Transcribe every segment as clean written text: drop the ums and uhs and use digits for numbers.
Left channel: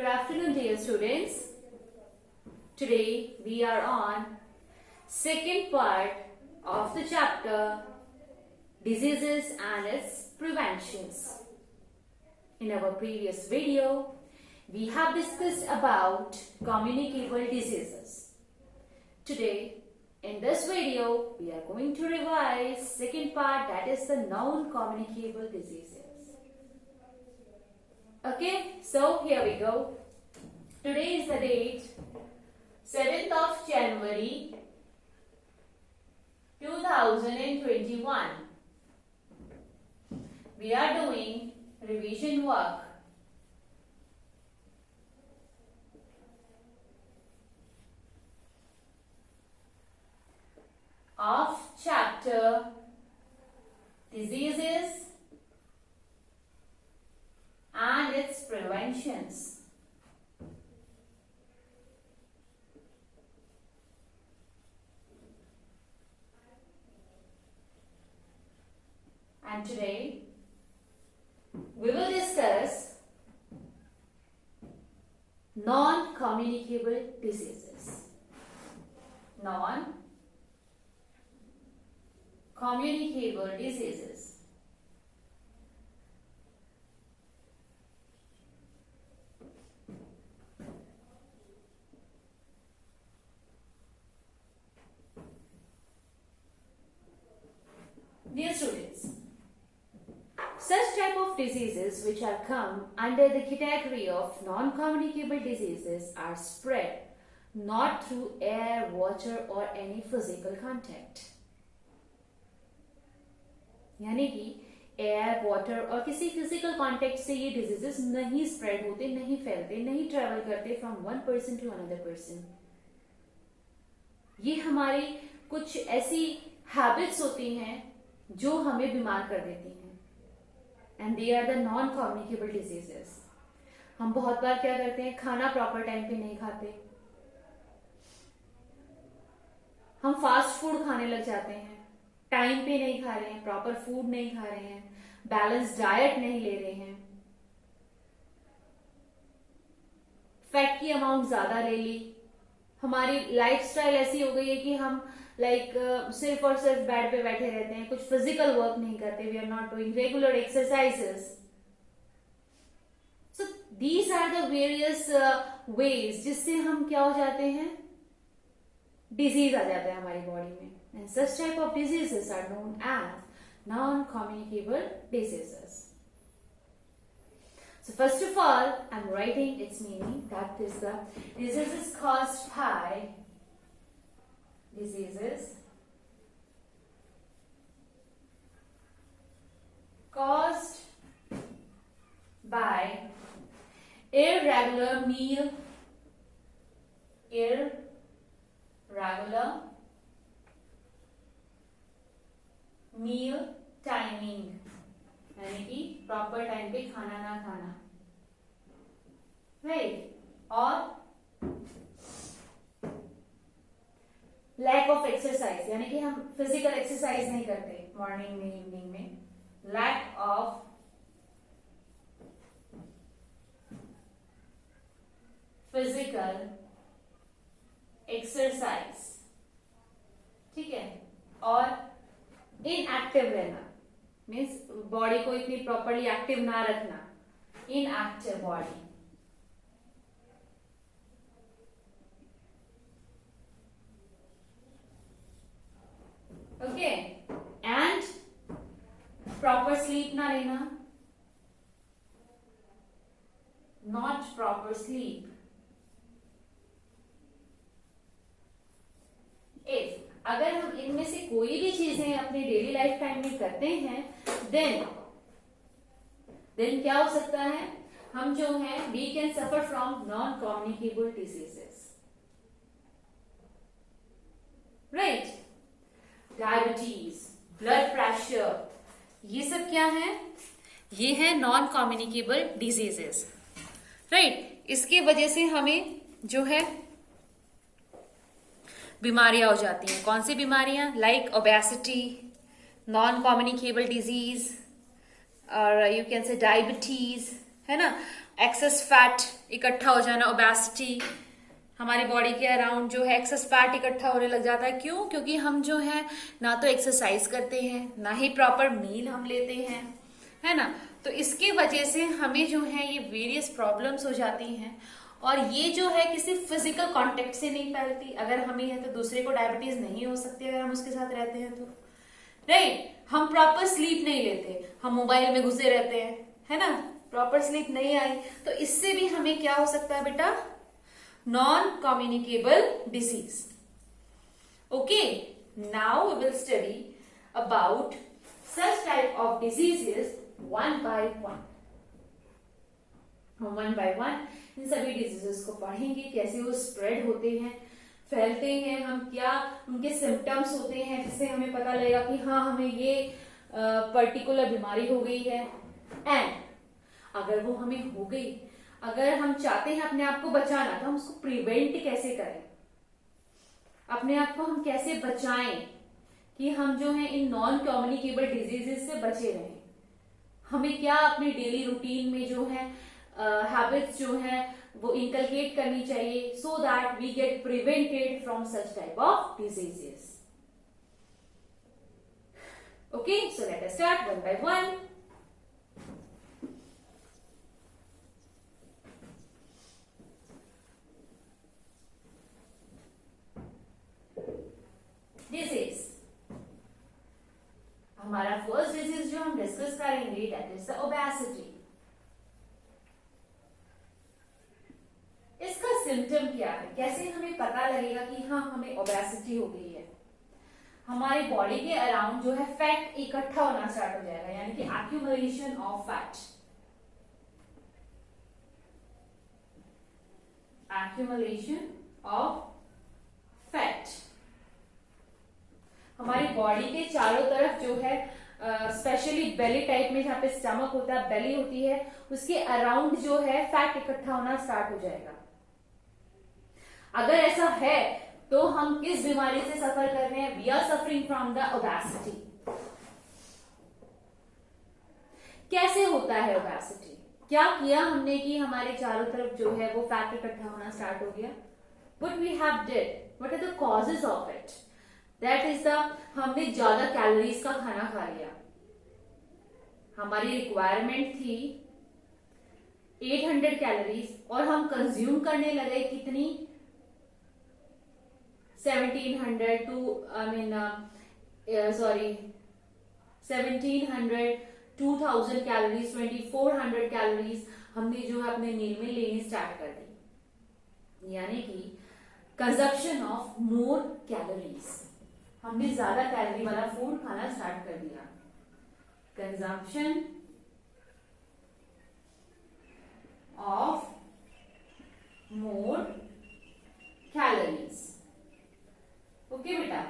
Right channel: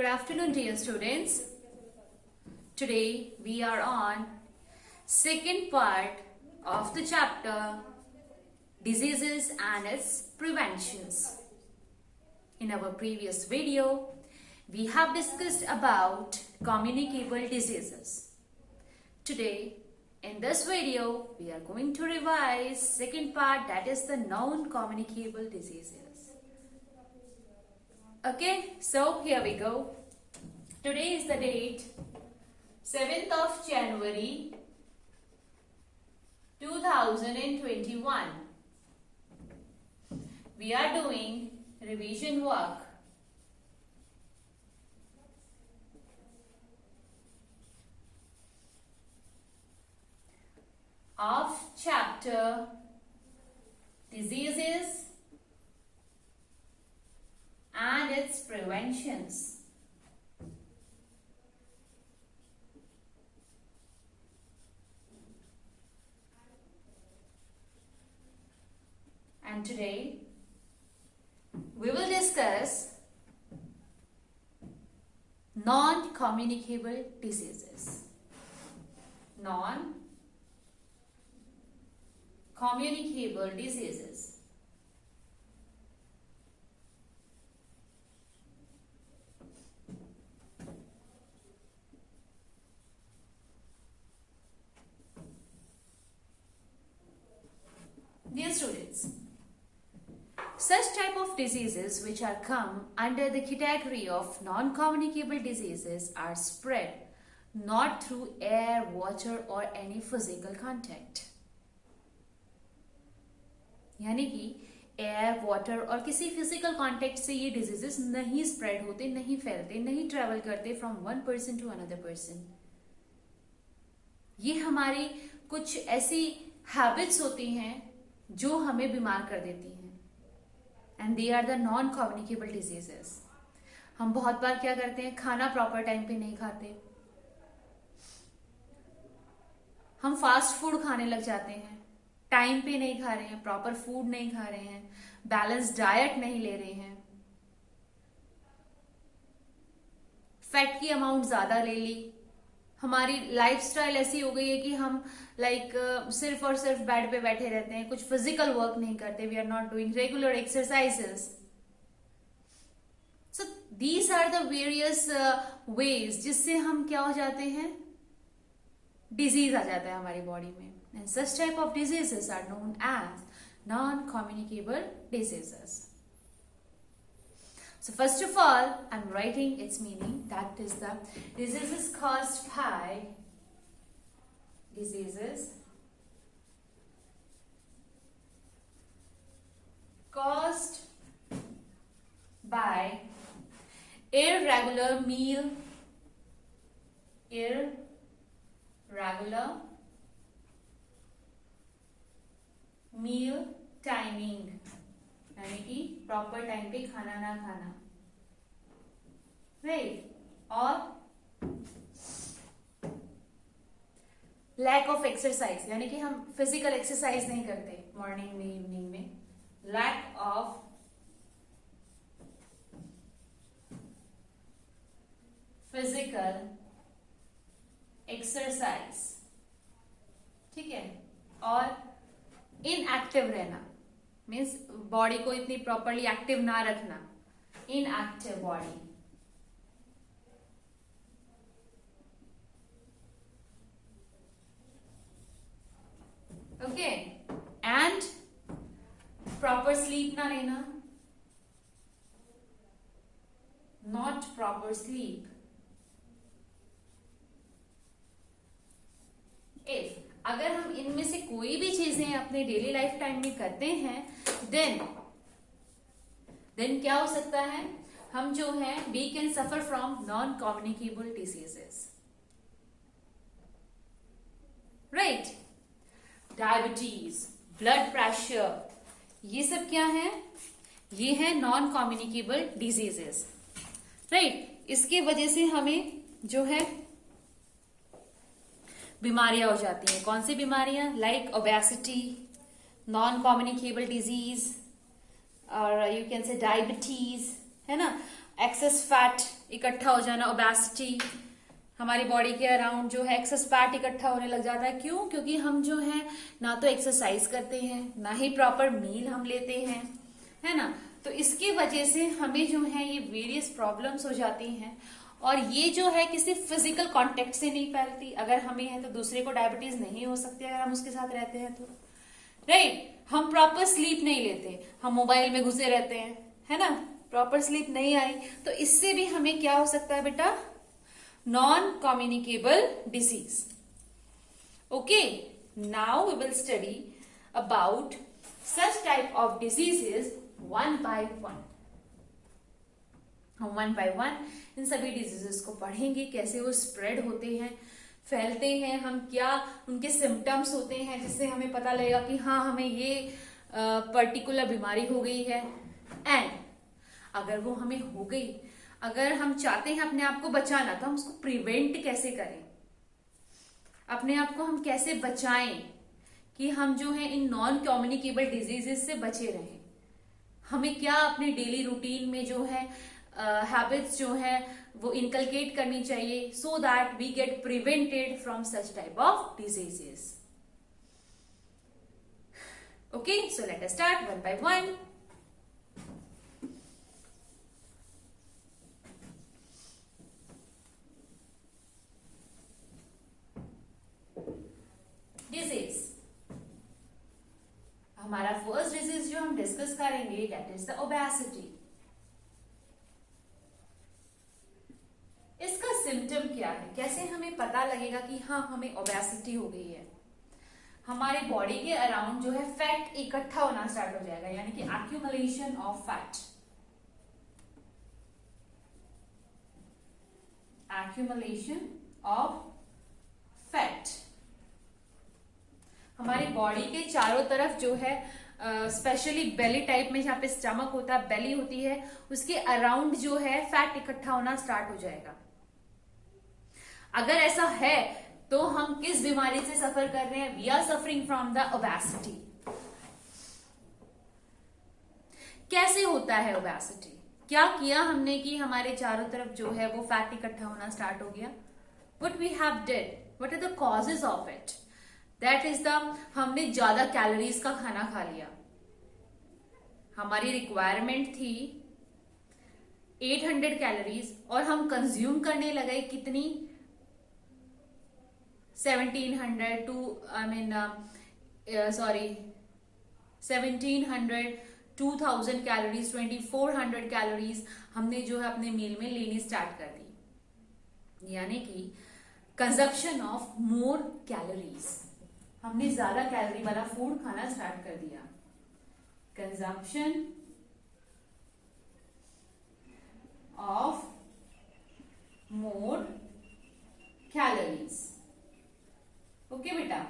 Good afternoon, dear students. Today we are on second part of the chapter Diseases and its Preventions. In our previous video, we have discussed about communicable diseases. Today, in this video, we are going to revise second part, that is the non-communicable diseases. Okay, so here we go. Today is the date 7th of January 2021. We are doing revision work. Of chapter Diseases and its Preventions. And today we will discuss non-communicable diseases. Non-communicable diseases. Dear students, such type of diseases which are come under the category of non-communicable diseases are spread not through air, water or any physical contact. यानी कि air, water और किसी physical contact से ये diseases नहीं spread होते, नहीं फैलते, नहीं ट्रेवल करते from one person to another person. ये हमारी कुछ ऐसी हैबिट्स होती हैं जो हमें बीमार कर देती हैं. And they are the non communicable diseases. हम बहुत बार क्या करते हैं, खाना प्रॉपर टाइम पे नहीं खाते, हम फास्ट फूड खाने लग जाते हैं, टाइम पे नहीं खा रहे हैं, प्रॉपर फूड नहीं खा रहे हैं, बैलेंस डाइट नहीं ले रहे हैं, फैट की अमाउंट ज्यादा ले ली, हमारी लाइफस्टाइल ऐसी हो गई है कि हम सिर्फ और सिर्फ बेड पे बैठे रहते हैं, कुछ फिजिकल वर्क नहीं करते, we are not doing regular exercises. So these are the various ways जिससे हम क्या हो जाते हैं, डिजीज आ जाता है हमारी बॉडी में. And such type of diseases are known as non-communicable diseases. So first of all, I'm writing its meaning. That is the diseases caused by irregular meal timing, यानी कि प्रॉपर टाइम पे खाना ना खाना, राइट. और lack of exercise, यानी कि हम फिजिकल एक्सरसाइज नहीं करते मॉर्निंग में, इवनिंग में. लैक ऑफ फिजिकल एक्सरसाइज, ठीक है. और इनएक्टिव रहना, मीन्स बॉडी को इतनी प्रॉपरली एक्टिव ना रखना, inactive body. Okay. And proper sleep ना लेना, नॉट प्रॉपर स्लीप. अगर हम इनमें से कोई भी चीजें अपने डेली लाइफ टाइम में करते हैं, देन क्या हो सकता है, हम जो है we can suffer from non communicable diseases, right. Diabetes, blood pressure, ये सब क्या है, ये है नॉन कम्युनिकेबल डिजीजेस, राइट. इसके वजह से हमें जो है बीमारियां हो जाती हैं. कौन सी बीमारियां, like obesity, non communicable disease, और यू कैन से डायबिटीज, है ना। एक्सेस फैट इकट्ठा हो जाना, ओबेसिटी, हमारी बॉडी के अराउंड जो है एक्सेस फैट इकट्ठा होने लग जाता है। क्यों? क्योंकि हम जो है ना तो एक्सरसाइज करते हैं, ना ही प्रॉपर मील हम लेते हैं, है ना। तो इसकी वजह से हमें जो है ये वेरियस प्रॉब्लम्स हो जाती हैं। और ये जो है किसी फिजिकल कांटेक्ट से नहीं फैलती। अगर हमें है तो दूसरे को डायबिटीज नहीं हो सकती अगर हम उसके साथ रहते हैं तो, राइट। हम प्रॉपर स्लीप नहीं लेते, हम मोबाइल में घुसे रहते हैं, है ना, प्रॉपर स्लीप नहीं आई, तो इससे भी हमें क्या हो सकता है बेटा? Non communicable disease. Okay, now we will study about such type of diseases one by one. हम वन बाय वन इन सभी डिजीजेस को पढ़ेंगे, कैसे वो स्प्रेड होते हैं, फैलते हैं, हम क्या उनके सिम्टम्स होते हैं, जिससे हमें पता लगेगा कि हाँ हमें ये पर्टिकुलर बीमारी हो गई है। एंड अगर वो हमें हो गई, अगर हम चाहते हैं अपने आप को बचाना, तो हम उसको प्रिवेंट कैसे करें, अपने आप को हम कैसे बचाएं कि हम जो है इन नॉन कम्युनिकेबल डिजीजेस से बचे रहें। हमें क्या अपने डेली रूटीन में जो है हैबिट्स जो है वो इनकलकेट करनी चाहिए, so that we get prevented from such type of diseases. Okay, so let us start one by one. Disease, हमारा फर्स्ट डिजीज जो हम डिस्कस करेंगे दैट इज द ओबेसिटी। इसका सिम्टम क्या है, कैसे हमें पता लगेगा कि हाँ हमें ओबेसिटी हो गई है? हमारी बॉडी के अराउंड जो है फैट इकट्ठा होना स्टार्ट हो जाएगा, यानी कि accumulation of fat, accumulation of fat. हमारी बॉडी के चारों तरफ जो है स्पेशली बेली टाइप में, जहां पे स्टमक होता है, बेली होती है, उसके अराउंड जो है फैट इकट्ठा होना स्टार्ट हो जाएगा। अगर ऐसा है तो हम किस बीमारी से सफर कर रहे हैं? We are suffering from the obesity. कैसे होता है ओबेसिटी? क्या किया हमने कि हमारे चारों तरफ जो है वो फैट इकट्ठा होना स्टार्ट हो गया? What we have did, what are the causes of it? That is the, हमने ज्यादा कैलोरीज का खाना खा लिया। हमारी रिक्वायरमेंट थी 800 कैलोरीज और हम कंज्यूम करने लगे कितनी? 1700 टू 2000 कैलोरीज, 2400 कैलोरीज हमने जो है अपने मील में लेनी स्टार्ट कर दी। यानी कि कंजप्शन ऑफ मोर कैलोरीज, हमने ज्यादा कैलोरी वाला फूड खाना स्टार्ट कर दिया। Consumption of more calories. Okay बेटा,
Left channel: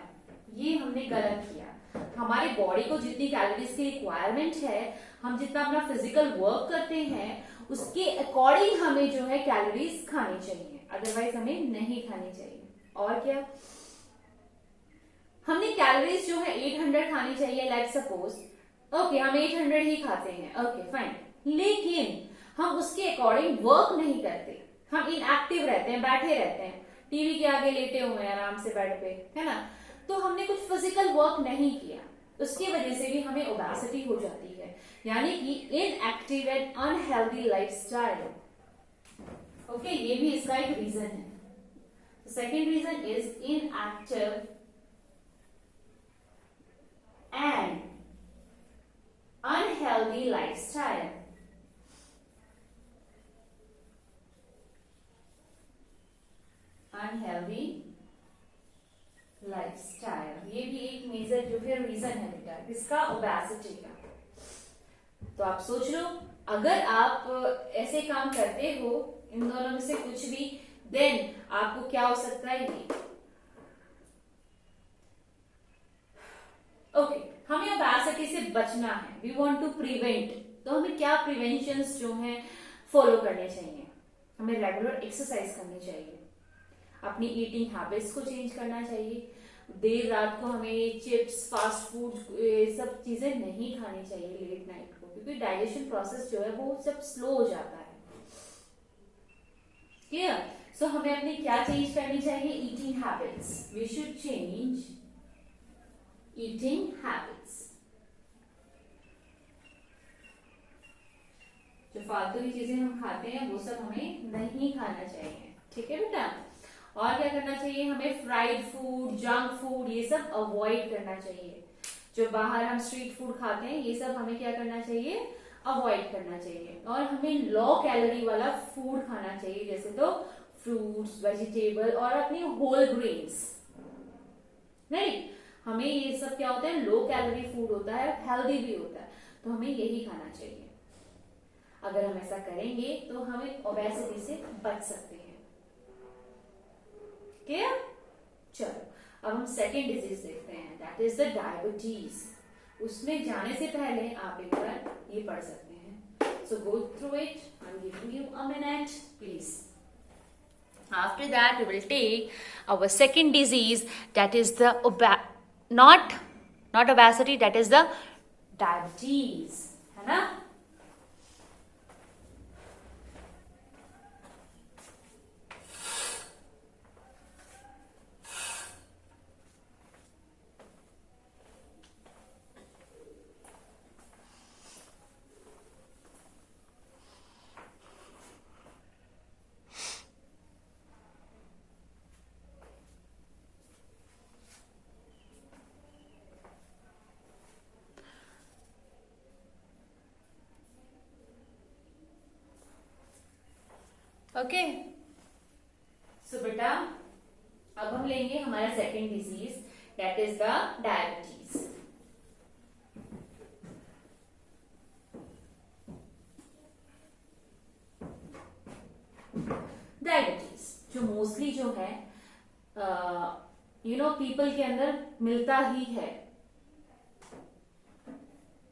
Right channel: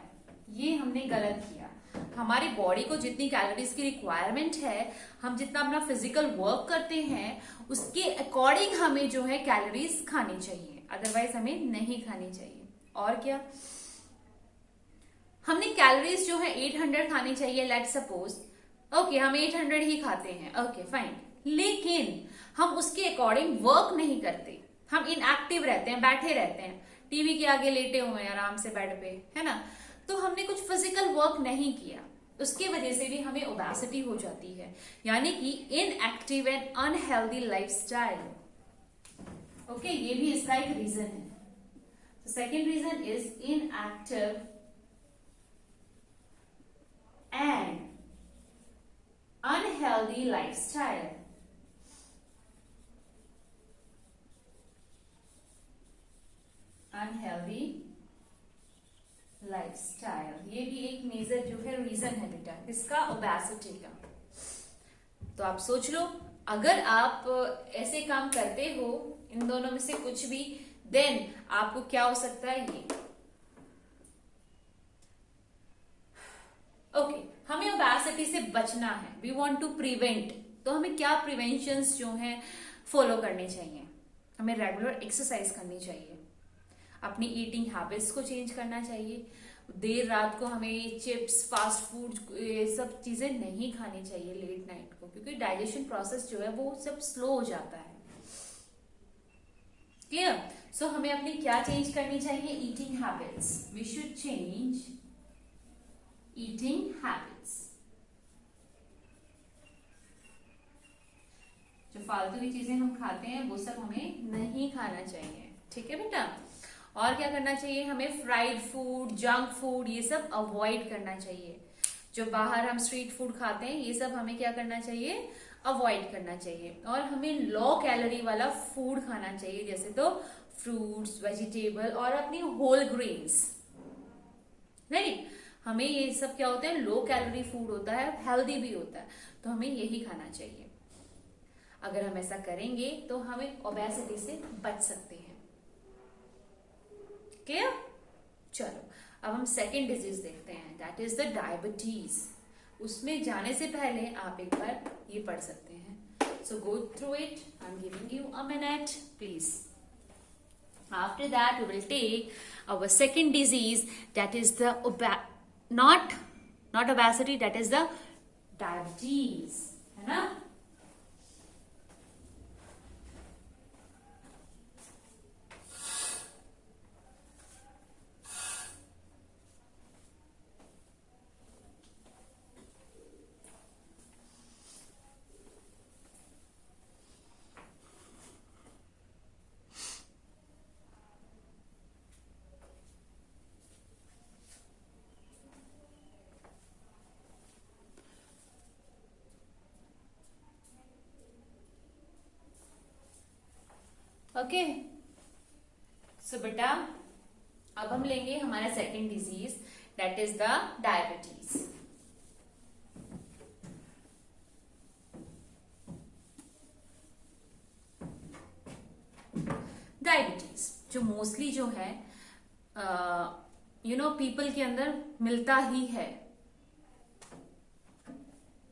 ये हमने गलत किया। हमारी बॉडी को जितनी कैलोरीज की रिक्वायरमेंट है, हम जितना अपना फिजिकल वर्क करते हैं उसके अकॉर्डिंग हमें जो है कैलोरीज खानी चाहिए, अदरवाइज हमें नहीं खानी चाहिए। और क्या, हमने कैलोरीज जो है 800 खानी चाहिए, लेट सपोज, ओके हम 800 ही खाते हैं, ओके फाइन, लेकिन हम उसके अकॉर्डिंग वर्क नहीं करते, हम इनएक्टिव रहते हैं, बैठे रहते हैं, टीवी के आगे लेटे हुए हैं आराम से बेड पे, है ना, तो हमने कुछ फिजिकल वर्क नहीं किया, उसकी वजह से भी हमें ओबेसिटी हो जाती है, यानी कि inactive and unhealthy lifestyle. Okay, ये भी इसका एक रीजन है। Second reason is inactive and unhealthy lifestyle। Unhealthy lifestyle, ये भी एक मेजर जो है रीजन है बेटा इसका, ओबेसिटी का। तो आप सोच लो, अगर आप ऐसे काम करते हो, इन दोनों में से कुछ भी, देन आपको क्या हो सकता है? ये ओके, हमें ओबेसिटी से बचना है, वी वांट टू प्रिवेंट, तो हमें क्या प्रिवेंशंस जो हैं फॉलो करने चाहिए? हमें रेगुलर एक्सरसाइज करनी चाहिए, अपनी ईटिंग हैबिट्स को चेंज करना चाहिए, देर रात को हमें चिप्स, फास्ट फूड, ये सब चीजें नहीं खानी चाहिए लेट नाइट को, क्योंकि डाइजेशन प्रोसेस जो है वो सब स्लो हो जाता है। क्लियर? सो हमें अपनी क्या चेंज करनी चाहिए? Eating habits. We should change eating habits. जो फालतू की चीजें हम खाते हैं वो सब हमें नहीं खाना चाहिए। ठीक है बेटा? और क्या करना चाहिए? हमें फ्राइड फूड, जंक फूड, ये सब अवॉइड करना चाहिए। जो बाहर हम स्ट्रीट फूड खाते हैं ये सब हमें क्या करना चाहिए? अवॉइड करना चाहिए। और हमें लो कैलोरी वाला फूड खाना चाहिए, जैसे तो फ्रूट्स, वेजिटेबल और अपनी होल ग्रेन्स। राइट? हमें ये सब क्या होता है? लो कैलोरी फूड होता है, हेल्दी भी होता है, तो हमें यही खाना चाहिए। अगर हम ऐसा करेंगे तो हमें ओबेसिटी से बच सकते हैं। क्लियर? चलो अब हम सेकेंड डिजीज देखते हैं, दैट इज द डायबिटीज। उसमें जाने से पहले आप एक बार ये पढ़ सकते हैं। So go through it, I am giving you a minute please. After that, we will take our second disease, that is the not obesity, that is the diabetes. है ना? ओके, सो बेटा अब हम लेंगे हमारा second disease, that is the diabetes. Diabetes जो mostly जो है पीपल के अंदर मिलता ही है,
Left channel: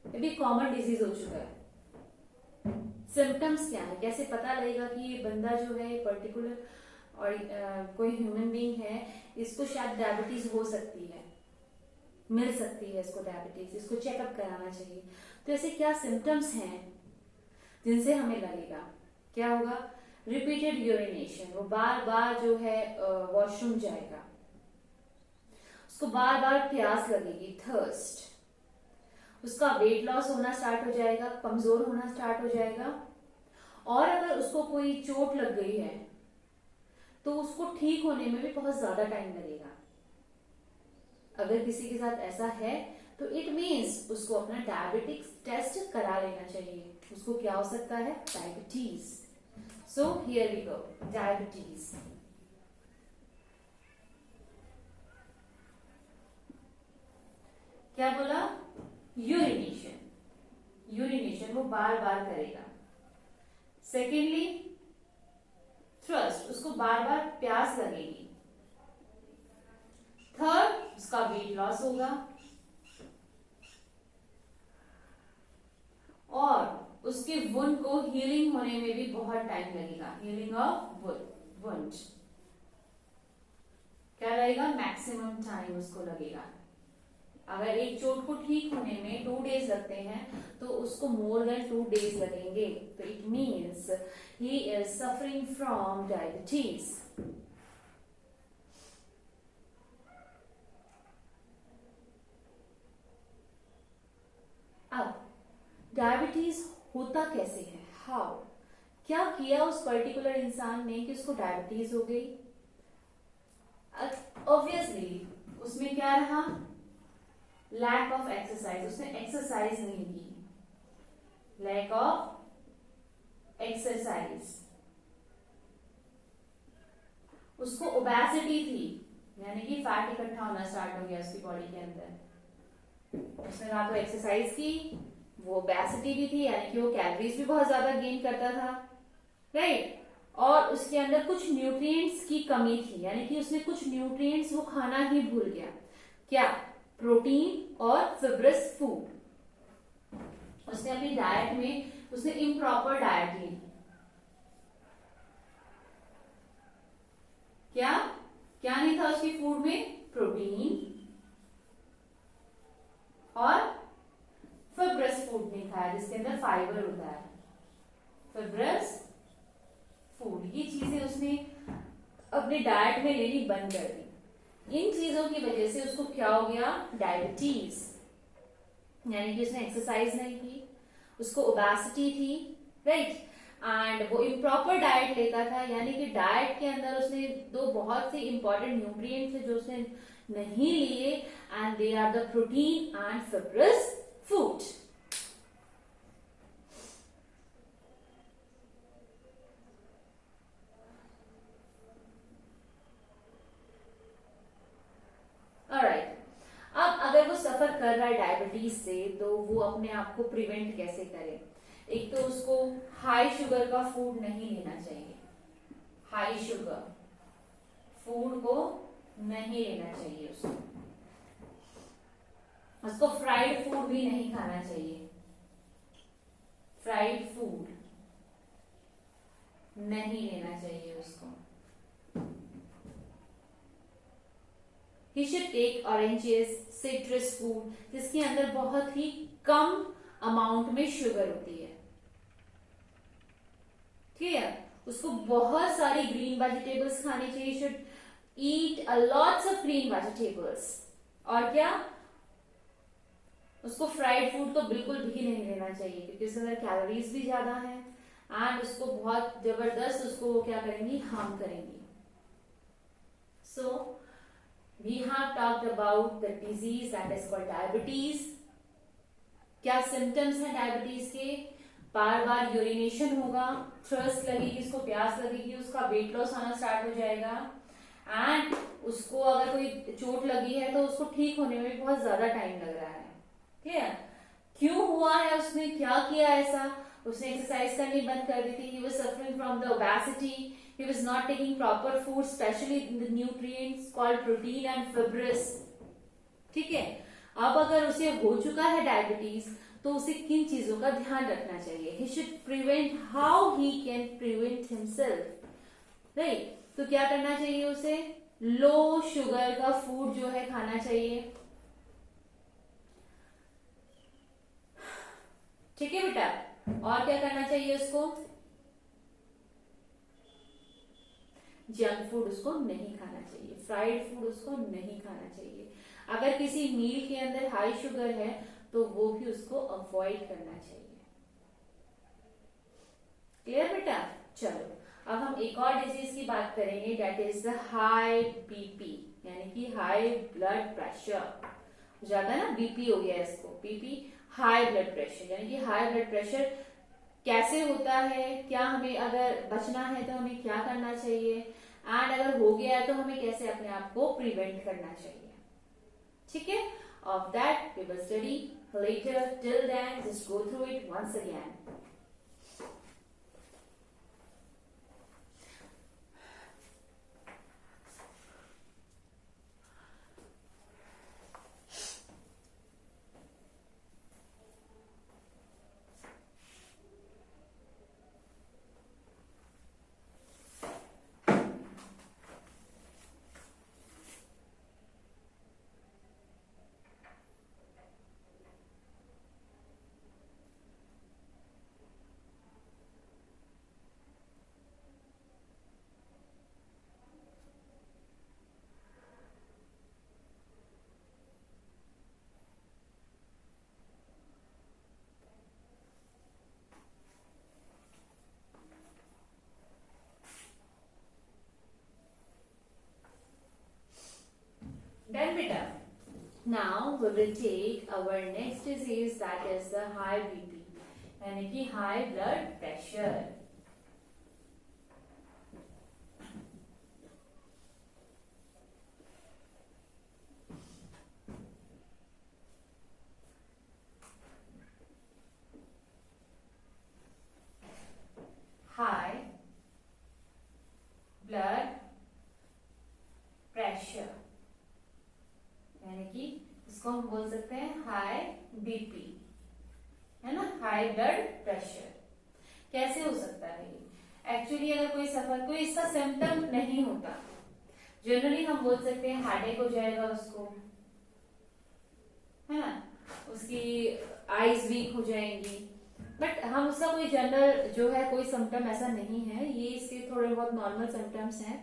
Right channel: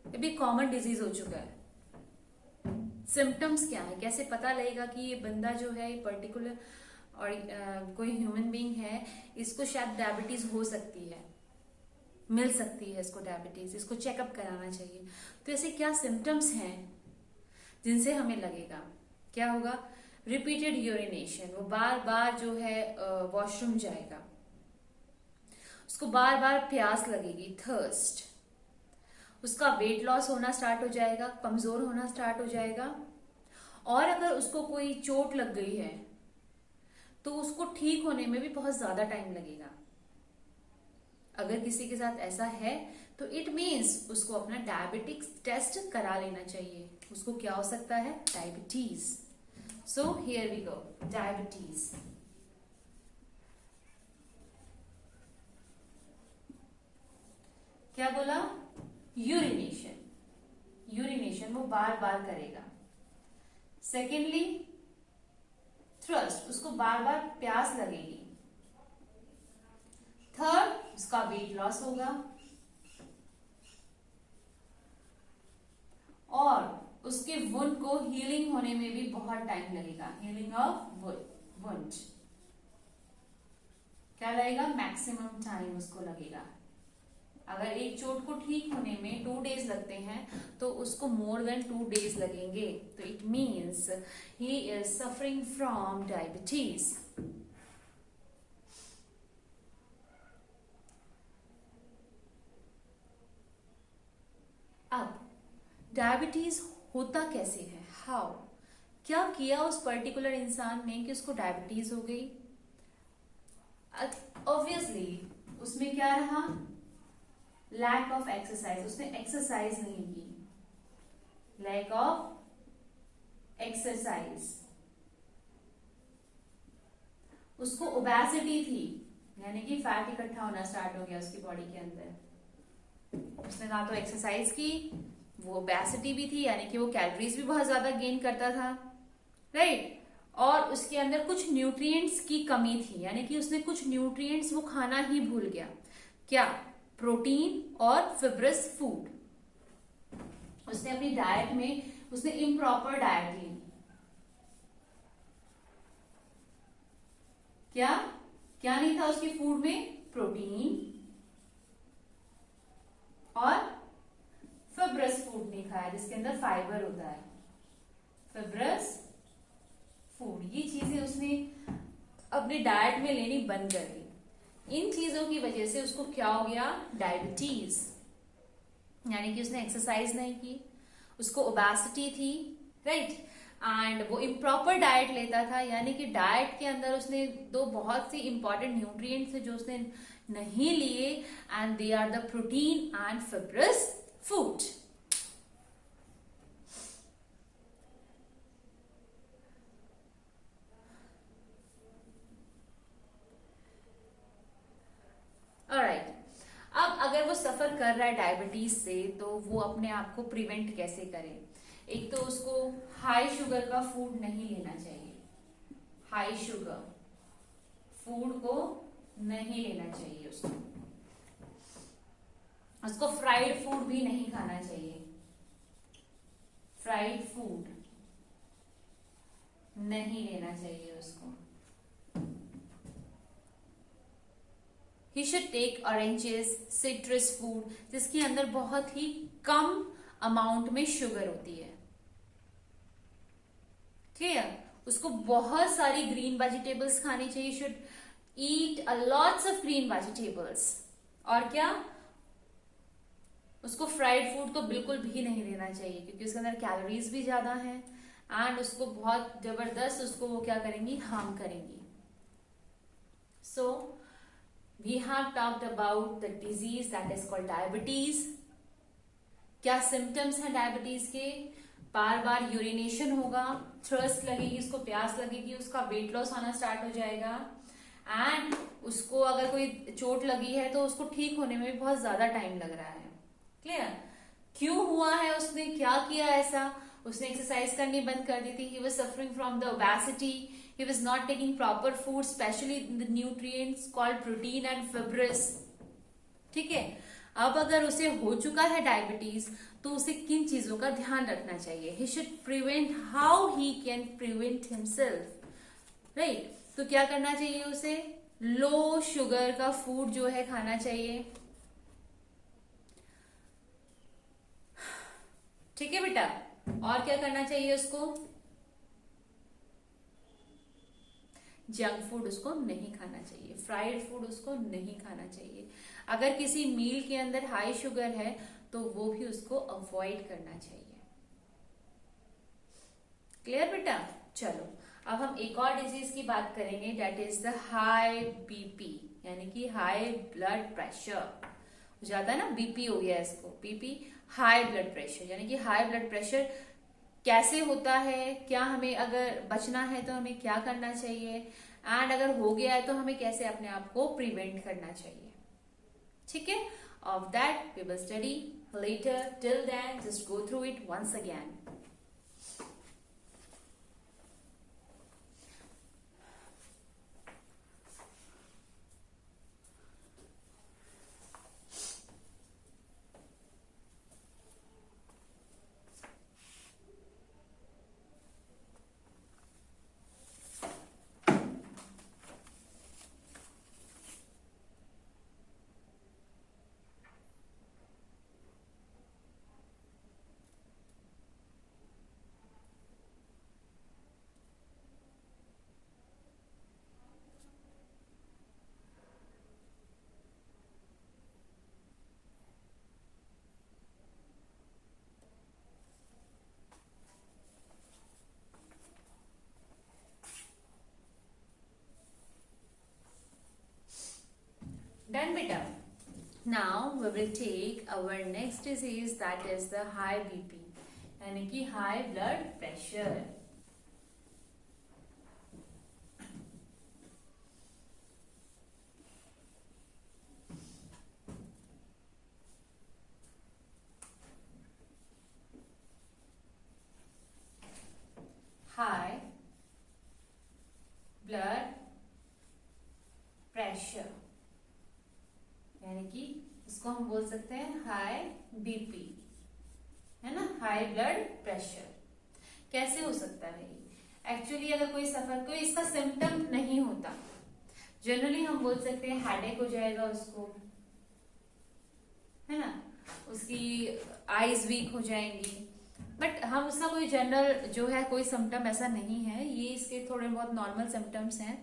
ये भी कॉमन डिजीज हो चुका है। सिम्टम्स क्या है? कैसे पता लगेगा कि ये बंदा जो है पर्टिकुलर और कोई ह्यूमन बीइंग है, इसको शायद डायबिटीज हो सकती है, मिल सकती है इसको डायबिटीज, इसको चेकअप कराना चाहिए। तो ऐसे क्या सिम्टम्स हैं जिनसे हमें लगेगा? क्या होगा? रिपीटेड यूरिनेशन, वो बार बार जो है वॉशरूम जाएगा, उसको बार बार प्यास लगेगी, थर्स्ट, उसका वेट लॉस होना स्टार्ट हो जाएगा, कमजोर होना स्टार्ट हो जाएगा। और अगर उसको कोई चोट लग गई है तो उसको ठीक होने में भी बहुत ज्यादा टाइम लगेगा। अगर किसी के साथ ऐसा है तो इट मीन्स उसको अपना डायबिटिक्स टेस्ट करा लेना चाहिए। उसको क्या हो सकता है? Diabetes. So here we go, diabetes. क्या बोला? यूरिनेशन, यूरिनेशन वो बार बार करेगा। सेकेंडली थ्रस्ट, उसको बार बार प्यास लगेगी। थर्ड, उसका वेट लॉस होगा और उसकी वुंड को हीलिंग होने में भी बहुत टाइम लगेगा। हीलिंग ऑफ वुंड क्या लगेगा? मैक्सिमम टाइम उसको लगेगा। अगर एक चोट को ठीक होने में 2 डेज लगते हैं तो उसको मोर देन 2 डेज लगेंगे। तो it means he is suffering from diabetes. अब डायबिटीज होता कैसे है? हाउ? क्या किया उस पर्टिकुलर इंसान ने कि उसको डायबिटीज हो गई? ऑब्वियसली उसमें क्या रहा? लैक ऑफ एक्सरसाइज, उसने एक्सरसाइज नहीं की। लैक ऑफ एक्सरसाइज, उसको ओबेसिटी थी, यानी कि फैट इकट्ठा होना स्टार्ट हो गया उसकी बॉडी के अंदर। उसने ना तो एक्सरसाइज की, वो ओबेसिटी भी थी, यानी कि वो कैलोरीज भी बहुत ज्यादा गेन करता था, राइट? और उसके अंदर कुछ न्यूट्रिएंट्स की कमी थी, यानी कि उसने कुछ न्यूट्रिएंट्स वो खाना ही भूल गया। क्या? प्रोटीन और फिब्रस फूड। उसने अपनी डाइट में उसने इम्प्रॉपर डाइट ली। क्या क्या नहीं था उसकी फूड में? प्रोटीन और फिब्रस फूड नहीं खाया जिसके अंदर फाइबर होता है, फिब्रस फूड। ये चीजें उसने अपनी डाइट में लेनी बंद कर दी। इन चीजों की वजह से उसको क्या हो गया, डायबिटीज, यानी कि उसने एक्सरसाइज नहीं की, उसको ओबेसिटी थी, राइट। एंड वो इम्प्रॉपर डाइट लेता था, यानी कि डाइट के अंदर उसने दो बहुत सी इंपॉर्टेंट न्यूट्रिएंट्स है जो उसने नहीं लिए, and they are the protein and fibrous food. Alright, अब अगर वो सफर कर रहा है डायबिटीज से तो वो अपने आप को प्रिवेंट कैसे करे। एक तो उसको हाई शुगर का फूड नहीं लेना चाहिए, हाई शुगर फूड को नहीं लेना चाहिए उसको फ्राइड फूड भी नहीं खाना चाहिए, फ्राइड फूड नहीं लेना चाहिए उसको। He should take oranges, citrus food, जिसके अंदर बहुत ही कम अमाउंट में शुगर होती है, ठीक है। उसको बहुत सारी ग्रीन वेजिटेबल्स खानी चाहिए, should eat a lots of green vegetables. और क्या, उसको फ्राइड फूड तो बिल्कुल भी नहीं लेना चाहिए क्योंकि उसके अंदर कैलोरीज भी ज्यादा है एंड उसको बहुत जबरदस्त उसको वो क्या करेंगी, हार्म करेंगी। सो we have talked about the disease that is called diabetes। क्या सिम्टम्स हैं डायबिटीज के, बार बार यूरिनेशन होगा, थ्रस्ट लगेगी, उसको प्यास लगेगी, उसका वेट लॉस आना स्टार्ट हो जाएगा एंड उसको अगर कोई चोट लगी है तो उसको ठीक होने में भी बहुत ज्यादा टाइम लग रहा है। क्लियर, क्यों हुआ है, उसने क्या किया ऐसा, उसने एक्सरसाइज करनी बंद कर दी थी, he was suffering from the obesity, he was not taking proper food, especially the nutrients called protein and fibrous। ठीक है, अब अगर उसे हो चुका है डायबिटीज तो उसे किन चीजों का ध्यान रखना चाहिए, he should prevent, how he can prevent himself, right. तो क्या करना चाहिए उसे, लो शुगर का फूड जो है खाना चाहिए, ठीक है बेटा। और क्या करना चाहिए उसको, जंक फूड उसको नहीं खाना चाहिए, फ्राइड फूड उसको नहीं खाना चाहिए। अगर किसी मील के अंदर हाई शुगर है तो वो भी उसको अवॉइड करना चाहिए। क्लियर बेटा। चलो अब हम एक और डिजीज की बात करेंगे, that is the high BP, यानी कि हाई ब्लड प्रेशर। ज्यादा ना बीपी हो गया इसको, बीपी हाई ब्लड प्रेशर, यानी कि हाई ब्लड प्रेशर कैसे होता है, क्या हमें अगर बचना है तो हमें क्या करना चाहिए, एंड अगर हो गया है तो हमें कैसे अपने आप को प्रिवेंट करना चाहिए, ठीक है। Of that we will study later, till then just go through it once again. Done beta. Now we will take our next disease, that is the high BP, यानी कि high blood pressure। high blood pressure, यानी कि इसको हम बोल सकते हैं high BP, है ना, हाई ब्लड प्रेशर। कैसे हो सकता है ये, एक्चुअली अगर कोई सफर, कोई इसका सिम्टम नहीं होता, जनरली हम बोल सकते हैं हेडेक हो जाएगा उसको, है ना, उसकी आईज वीक हो जाएंगी, बट हम उसका कोई जनरल जो है कोई सिम्टम ऐसा नहीं है, ये इसके थोड़े बहुत नॉर्मल सिम्टम्स हैं।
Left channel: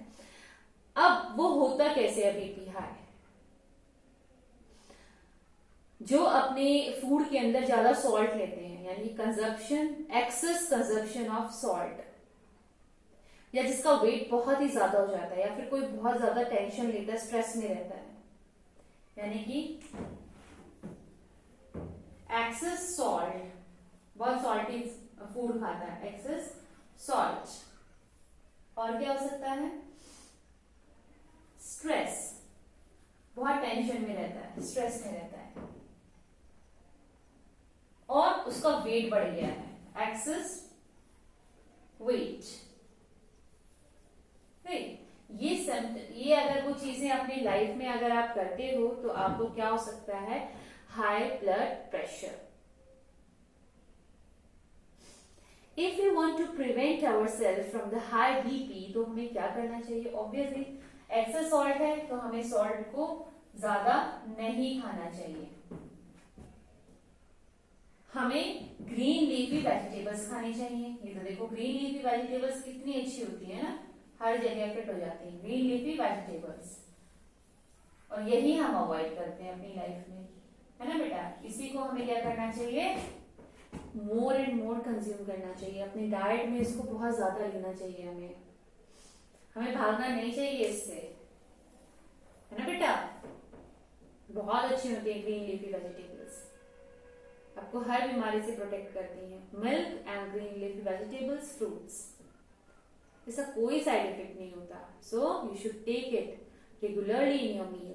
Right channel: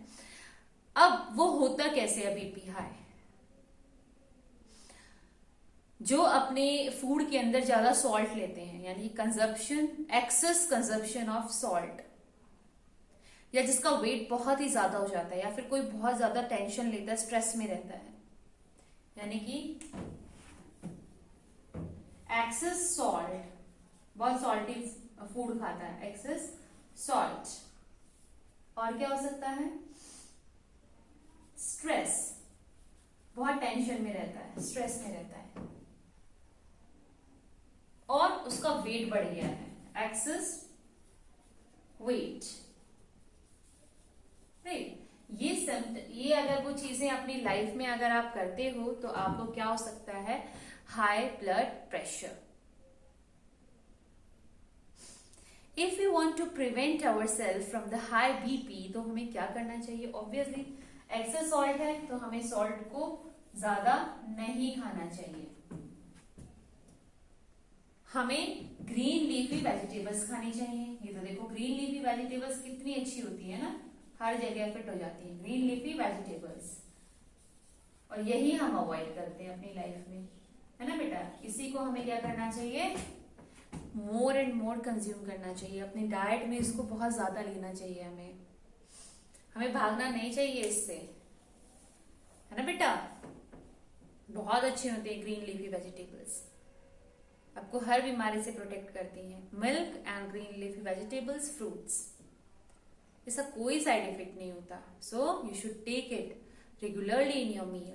अब वो होता कैसे है बीपी हाई? जो अपने फूड के अंदर ज्यादा सॉल्ट लेते हैं, यानी consumption, excess consumption of salt, या जिसका वेट बहुत ही ज्यादा हो जाता है, या फिर कोई बहुत ज्यादा टेंशन लेता है, स्ट्रेस में रहता है, यानी कि एक्सेस सॉल्ट, बहुत सॉल्टी फूड खाता है, एक्सेस सॉल्ट। और क्या हो सकता है? स्ट्रेस, बहुत टेंशन में रहता है, स्ट्रेस में रहता है, और उसका वेट बढ़ गया है, एक्सेस वेट। ये अगर वो चीजें अपनी लाइफ में अगर आप करते हो तो आपको क्या हो सकता है? High blood pressure. If you want to prevent our self from the high BP, तो हमें क्या करना चाहिए? ऑब्वियसली एक्सेस सॉल्ट है तो हमें सॉल्ट को ज्यादा नहीं खाना चाहिए, हमें ग्रीन लीफी वेजिटेबल्स खानी चाहिए। ये तो देखो ग्रीन लीफी वेजिटेबल्स कितनी अच्छी होती है ना, हर जगह फिट हो जाती है ग्रीन लीफी वेजिटेबल्स, और यही हम अवॉइड करते हैं अपनी लाइफ में, है ना बेटा। इसी को हमें क्या करना चाहिए? मोर एंड मोर कंज्यूम करना चाहिए अपनी डाइट में, इसको बहुत ज्यादा लेना चाहिए हमें भागना नहीं चाहिए इससे, है ना बेटा। बहुत अच्छी होती है ग्रीन लीफी वेजिटेबल्स, आपको हर बीमारी से प्रोटेक्ट करती हैं। Milk and green leafy vegetables, fruits, इसका कोई साइड इफेक्ट नहीं होता, so you should take it regularly in your meal.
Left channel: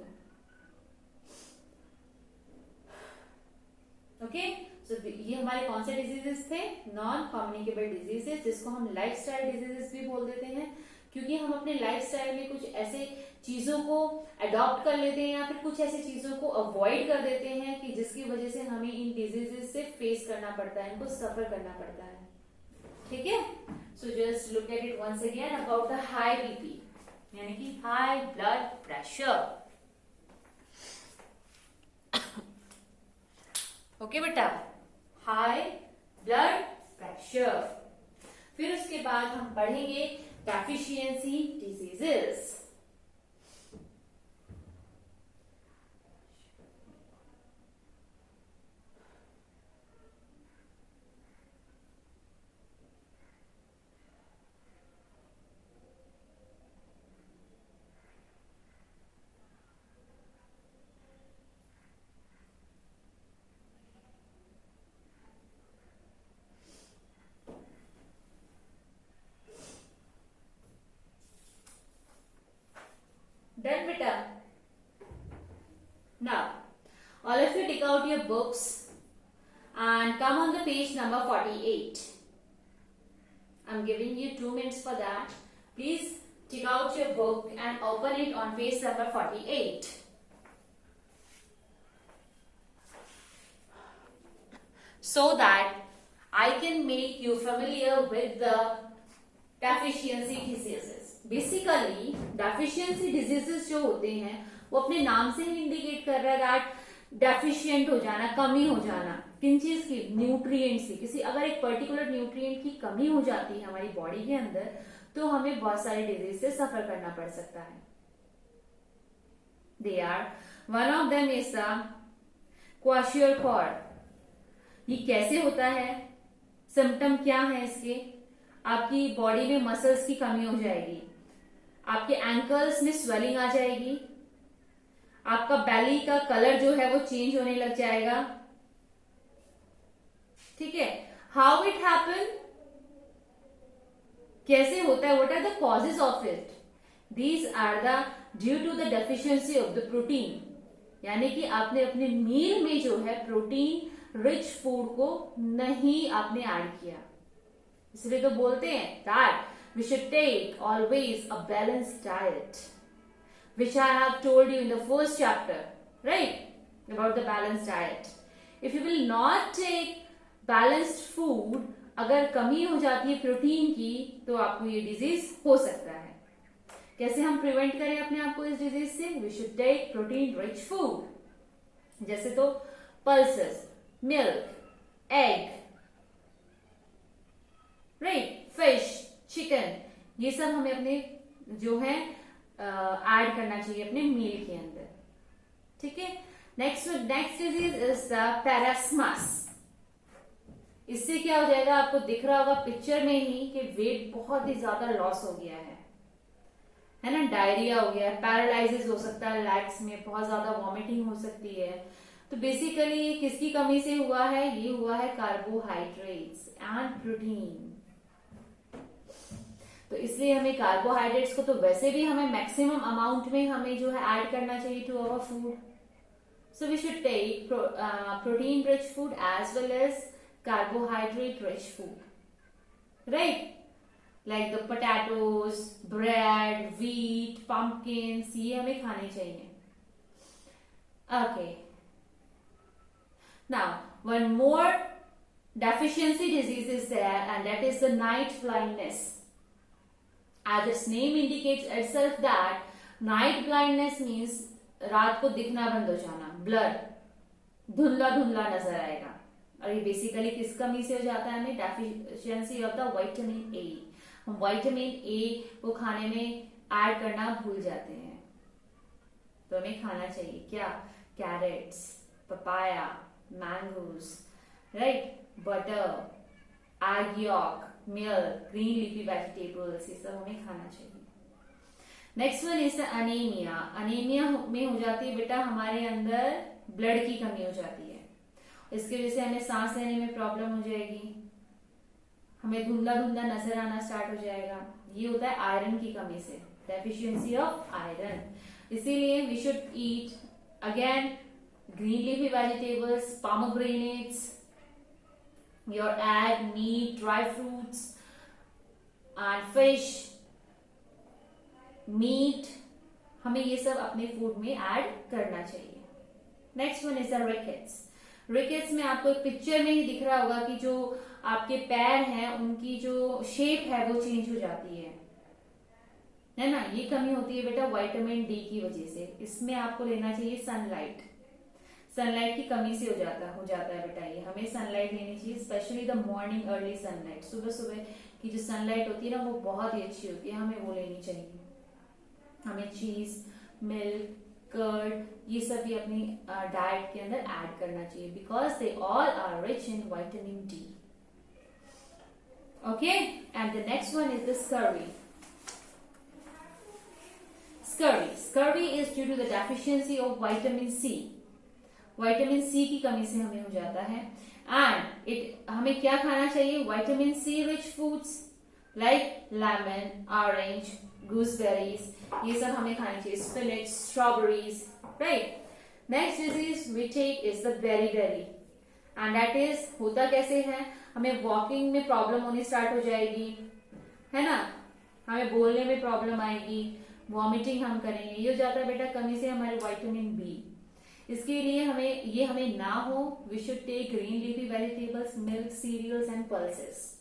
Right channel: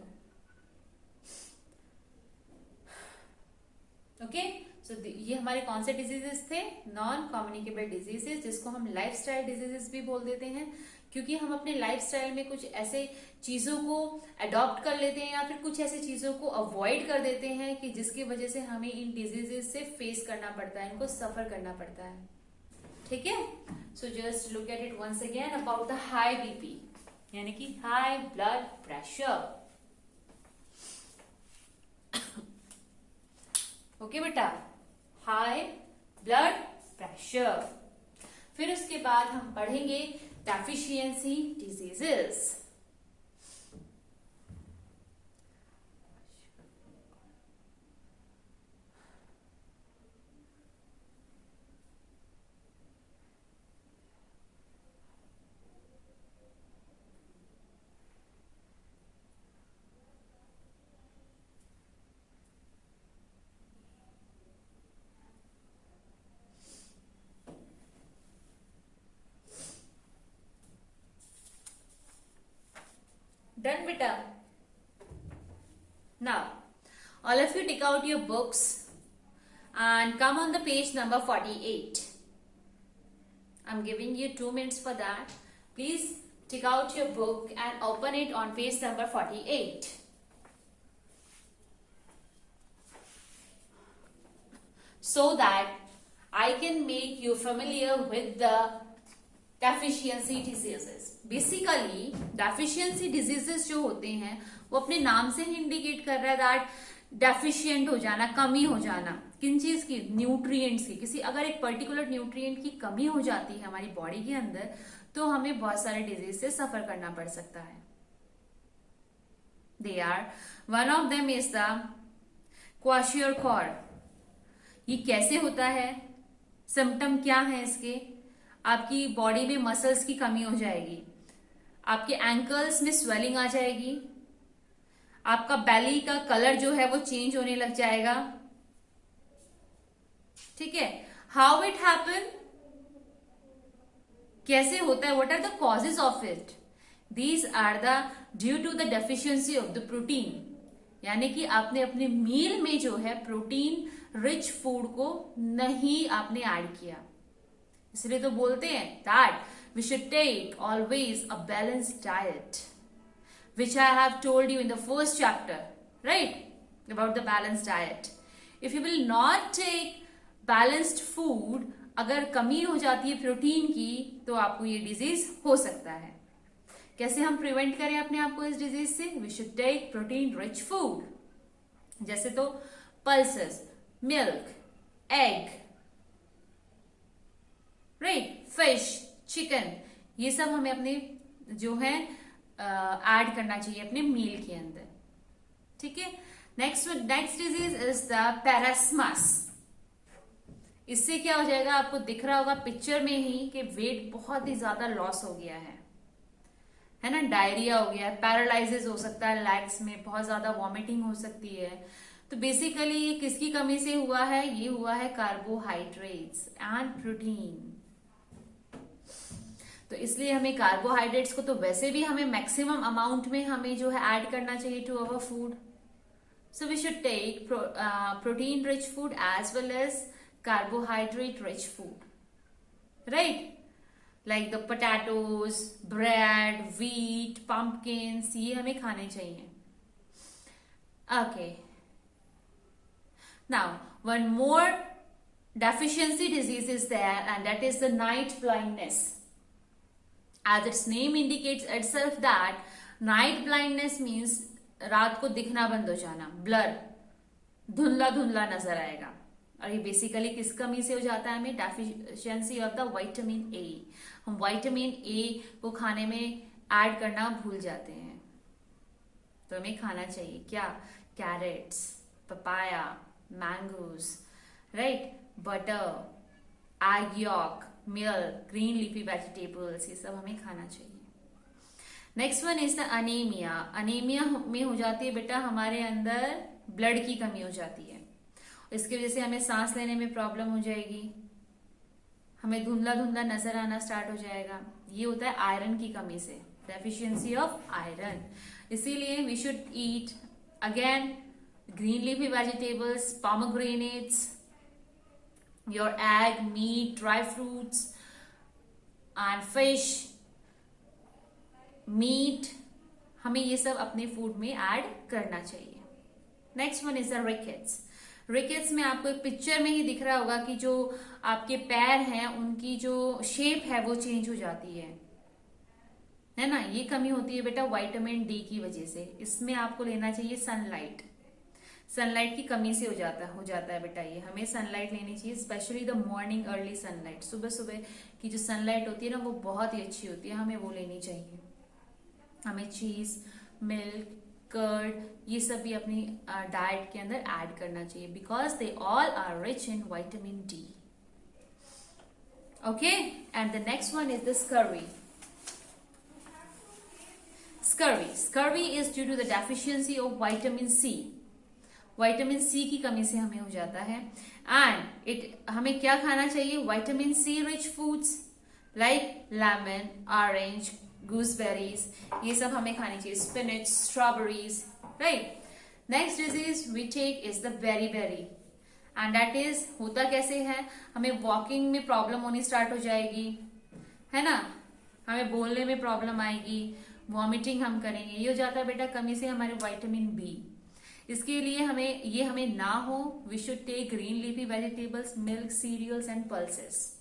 Okay, so ये हमारे कौन से डिजीजेस थे? नॉन कम्युनिकेबल डिजीजेस, जिसको हम लाइफस्टाइल डिजीजेस भी बोल देते हैं, क्योंकि हम अपने लाइफस्टाइल में कुछ ऐसे चीजों को अडॉप्ट कर लेते हैं या फिर कुछ ऐसी चीजों को अवॉइड कर देते हैं कि जिसकी वजह से हमें इन डिजीजेस से फेस करना पड़ता है, इनको सफर करना पड़ता है। ठीक है, so just look at it once again about the high BP, यानी कि हाई ब्लड प्रेशर। ओके बेटा, हाई ब्लड प्रेशर। फिर उसके बाद हम पढ़ेंगे deficiency diseases. Done beta. Now, all of you take out your books and come on the page number 48. I'm giving you 2 minutes for that. Please take out your book and open it on page number 48. So that I can make you familiar with the deficiency diseases. Basically deficiency diseases जो होते हैं वो अपने नाम से ही indicate कर रहा है दैट डेफिशिएंट हो जाना, कमी हो जाना। किन चीज की? न्यूट्रिएंट्स की। किसी अगर एक पर्टिकुलर न्यूट्रिएंट की कमी हो जाती है हमारी बॉडी के अंदर तो हमें बहुत सारे डिजीज से सफर करना पड़ सकता है। They are, one of them is the kwashiorkor. ये कैसे होता है? सिम्टम क्या है इसके? आपकी बॉडी में मसल्स की कमी हो जाएगी, आपके एंकल्स में स्वेलिंग आ जाएगी, आपका बेली का कलर जो है वो चेंज होने लग जाएगा। ठीक है, हाउ इट हैपन, कैसे होता है? What are the causes of it? These are the due to the deficiency of the protein, यानी कि आपने अपने मील में जो है प्रोटीन रिच फूड को नहीं आपने ऐड किया। इसलिए तो बोलते हैं that we should take always a balanced diet, which I have told you in the first chapter, right? About the balanced diet. If you will not take balanced food, अगर कमी हो जाती है प्रोटीन की तो आपको ये डिजीज हो सकता है। कैसे हम प्रिवेंट करें अपने आप को इस डिजीज से? We should take protein rich food, जैसे तो pulses, milk, egg, right, fish, chicken, ये सब हमें अपने जो है ऐड करना चाहिए अपने मील के अंदर, ठीक है। Next disease is the marasmus. इससे क्या हो जाएगा, आपको दिख रहा होगा पिक्चर में ही कि वेट बहुत ही ज्यादा लॉस हो गया है ना, डायरिया हो गया है, पैरालाइसिस हो सकता है लेग्स में, बहुत ज्यादा वॉमिटिंग हो सकती है। तो बेसिकली ये किसकी कमी से हुआ है? ये हुआ है कार्बोहाइड्रेट्स एंड प्रोटीन। तो इसलिए हमें कार्बोहाइड्रेट्स को तो वैसे भी हमें मैक्सिमम अमाउंट में हमें जो है ऐड करना चाहिए to our food. So we should take protein rich food as well as carbohydrate rich food, right? Like the potatoes, bread, wheat, pumpkins, ये हमें खाने चाहिए। Okay. Now, one more deficiency disease is there, and that is the night blindness. As its name indicates itself that night blindness means रात को दिखना बंद हो जाना, ब्लर, धुंधला धुंधला नजर आएगा। और ये बेसिकली किस कमी से हो जाता है? हमें deficiency of the vitamin A. हम विटामिन ए को खाने में ऐड करना भूल जाते हैं। तो हमें खाना चाहिए क्या? Carrots, papaya, mangoes, right, butter, egg yolk, milk, green leafy vegetables, ये सब हमें खाना चाहिए। Next one is the anaemia. Anaemia में हो जाती है बेटा हमारे अंदर ब्लड की कमी हो जाती है। इसकी वजह से हमें सांस लेने में प्रॉब्लम हो जाएगी, हमें धुंधला धुंधला नजर आना स्टार्ट हो जाएगा। ये होता है आयरन की कमी से, डेफिशिएंसी ऑफ आयरन। इसीलिए we should eat again green leafy vegetables, pomegranates, your egg, meat, dry fruits and fish, meat, हमें ये सब अपने फूड में ऐड करना चाहिए। Next one is the rickets. Rickets में आपको एक पिक्चर में ही दिख रहा होगा कि जो आपके पैर हैं उनकी जो शेप है वो चेंज हो जाती है ना। ये कमी होती है बेटा विटामिन डी की वजह से। इसमें आपको लेना चाहिए सनलाइट। सनलाइट की कमी से हो जाता है बेटा ये। हमें सनलाइट लेनी चाहिए, specially the morning early sunlight. सुबह सुबह की जो सनलाइट होती है ना वो बहुत ही अच्छी होती है, हमें वो लेनी चाहिए। हमें चीज, मिल्क, कर्ड, ये सब भी अपनी डाइट के अंदर ऐड करना चाहिए, because they all are rich in vitamin D. Okay, and the next one is the scurvy. Scurvy is due to the deficiency of vitamin C. Vitamin C की कमी से हमें हो जाता है। एंड हमें क्या खाना चाहिए? Vitamin C rich foods like lemon, orange, gooseberries, ये सब हमें खानी चाहिए, spinach, strawberries, right? Next disease we take is the beriberi, and that is होता कैसे है? हमें वॉकिंग में प्रॉब्लम होनी स्टार्ट हो जाएगी, है ना, हमें बोलने में प्रॉब्लम आएगी, वॉमिटिंग हम करेंगे। ये हो जाता है बेटा कमी से हमारे विटामिन बी। इसके लिए हमें ना हो, we should take green leafy vegetables, milk, cereals and pulses.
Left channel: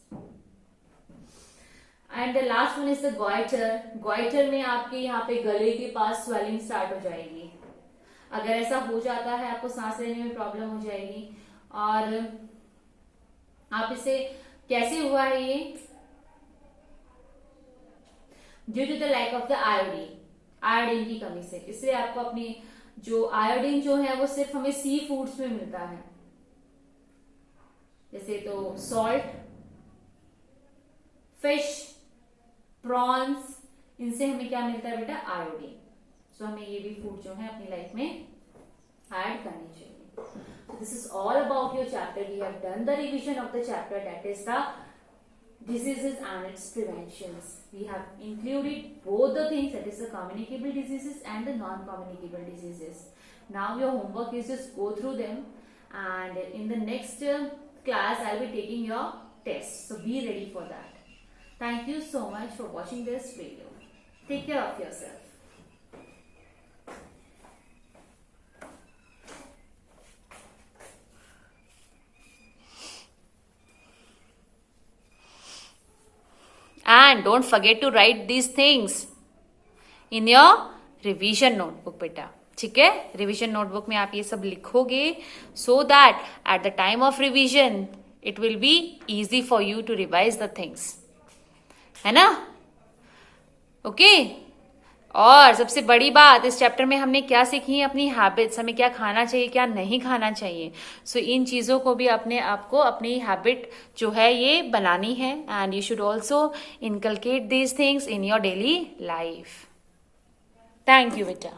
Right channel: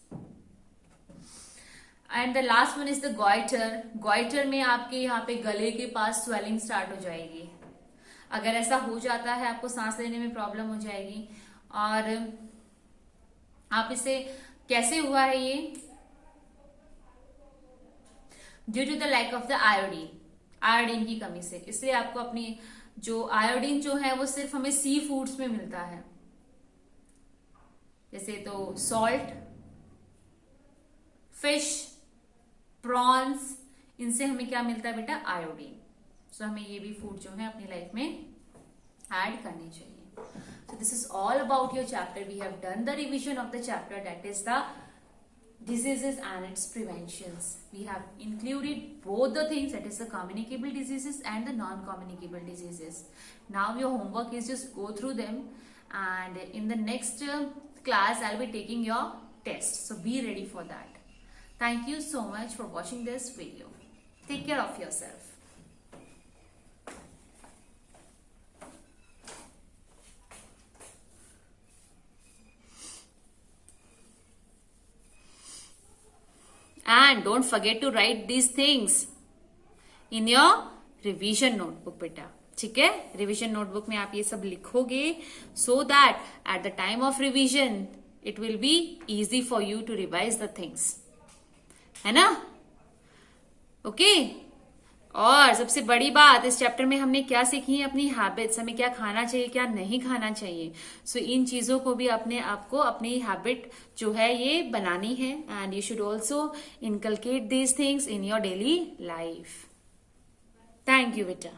And the last one is the goiter. Goiter में आपके यहाँ पे गले के पास स्वेलिंग स्टार्ट हो जाएगी। अगर ऐसा हो जाता है आपको सांस लेने में प्रॉब्लम हो जाएगी। और आप इसे कैसे हुआ है ये? Due to the lack of the iodine की कमी से। इसलिए आपको अपनी जो आयोडीन जो है वो सिर्फ हमें सी फूड्स में मिलता है, जैसे तो सॉल्ट, फिश, प्रॉन्स, इनसे हमें क्या मिलता है बेटा? आयोडीन। सो हमें ये भी फूड जो है अपनी लाइफ में ऐड करनी चाहिए। So this is all about your chapter. We have done the revision of the chapter, that is the diseases and its preventions. We have included both the things, that is the communicable diseases and the non-communicable diseases. Now your homework is just go through them, and in the next class I'll be taking your test. So be ready for that. Thank you so much for watching this video. Take care of yourself. And don't forget to write these things. In your revision notebook बेटा, ठीक है। Revision notebook में आप ये सब लिखोगे so that at the time of revision it will be easy for you to revise the things, है ना। ओके और सबसे बड़ी बात इस चैप्टर में हमने क्या सीखी, अपनी हैबिट्स, हमें क्या खाना चाहिए क्या नहीं खाना चाहिए। सो इन चीजों को भी अपने आपको अपनी हैबिट जो है ये बनानी है, and you should also inculcate these things in your daily life. Thank you बेटा।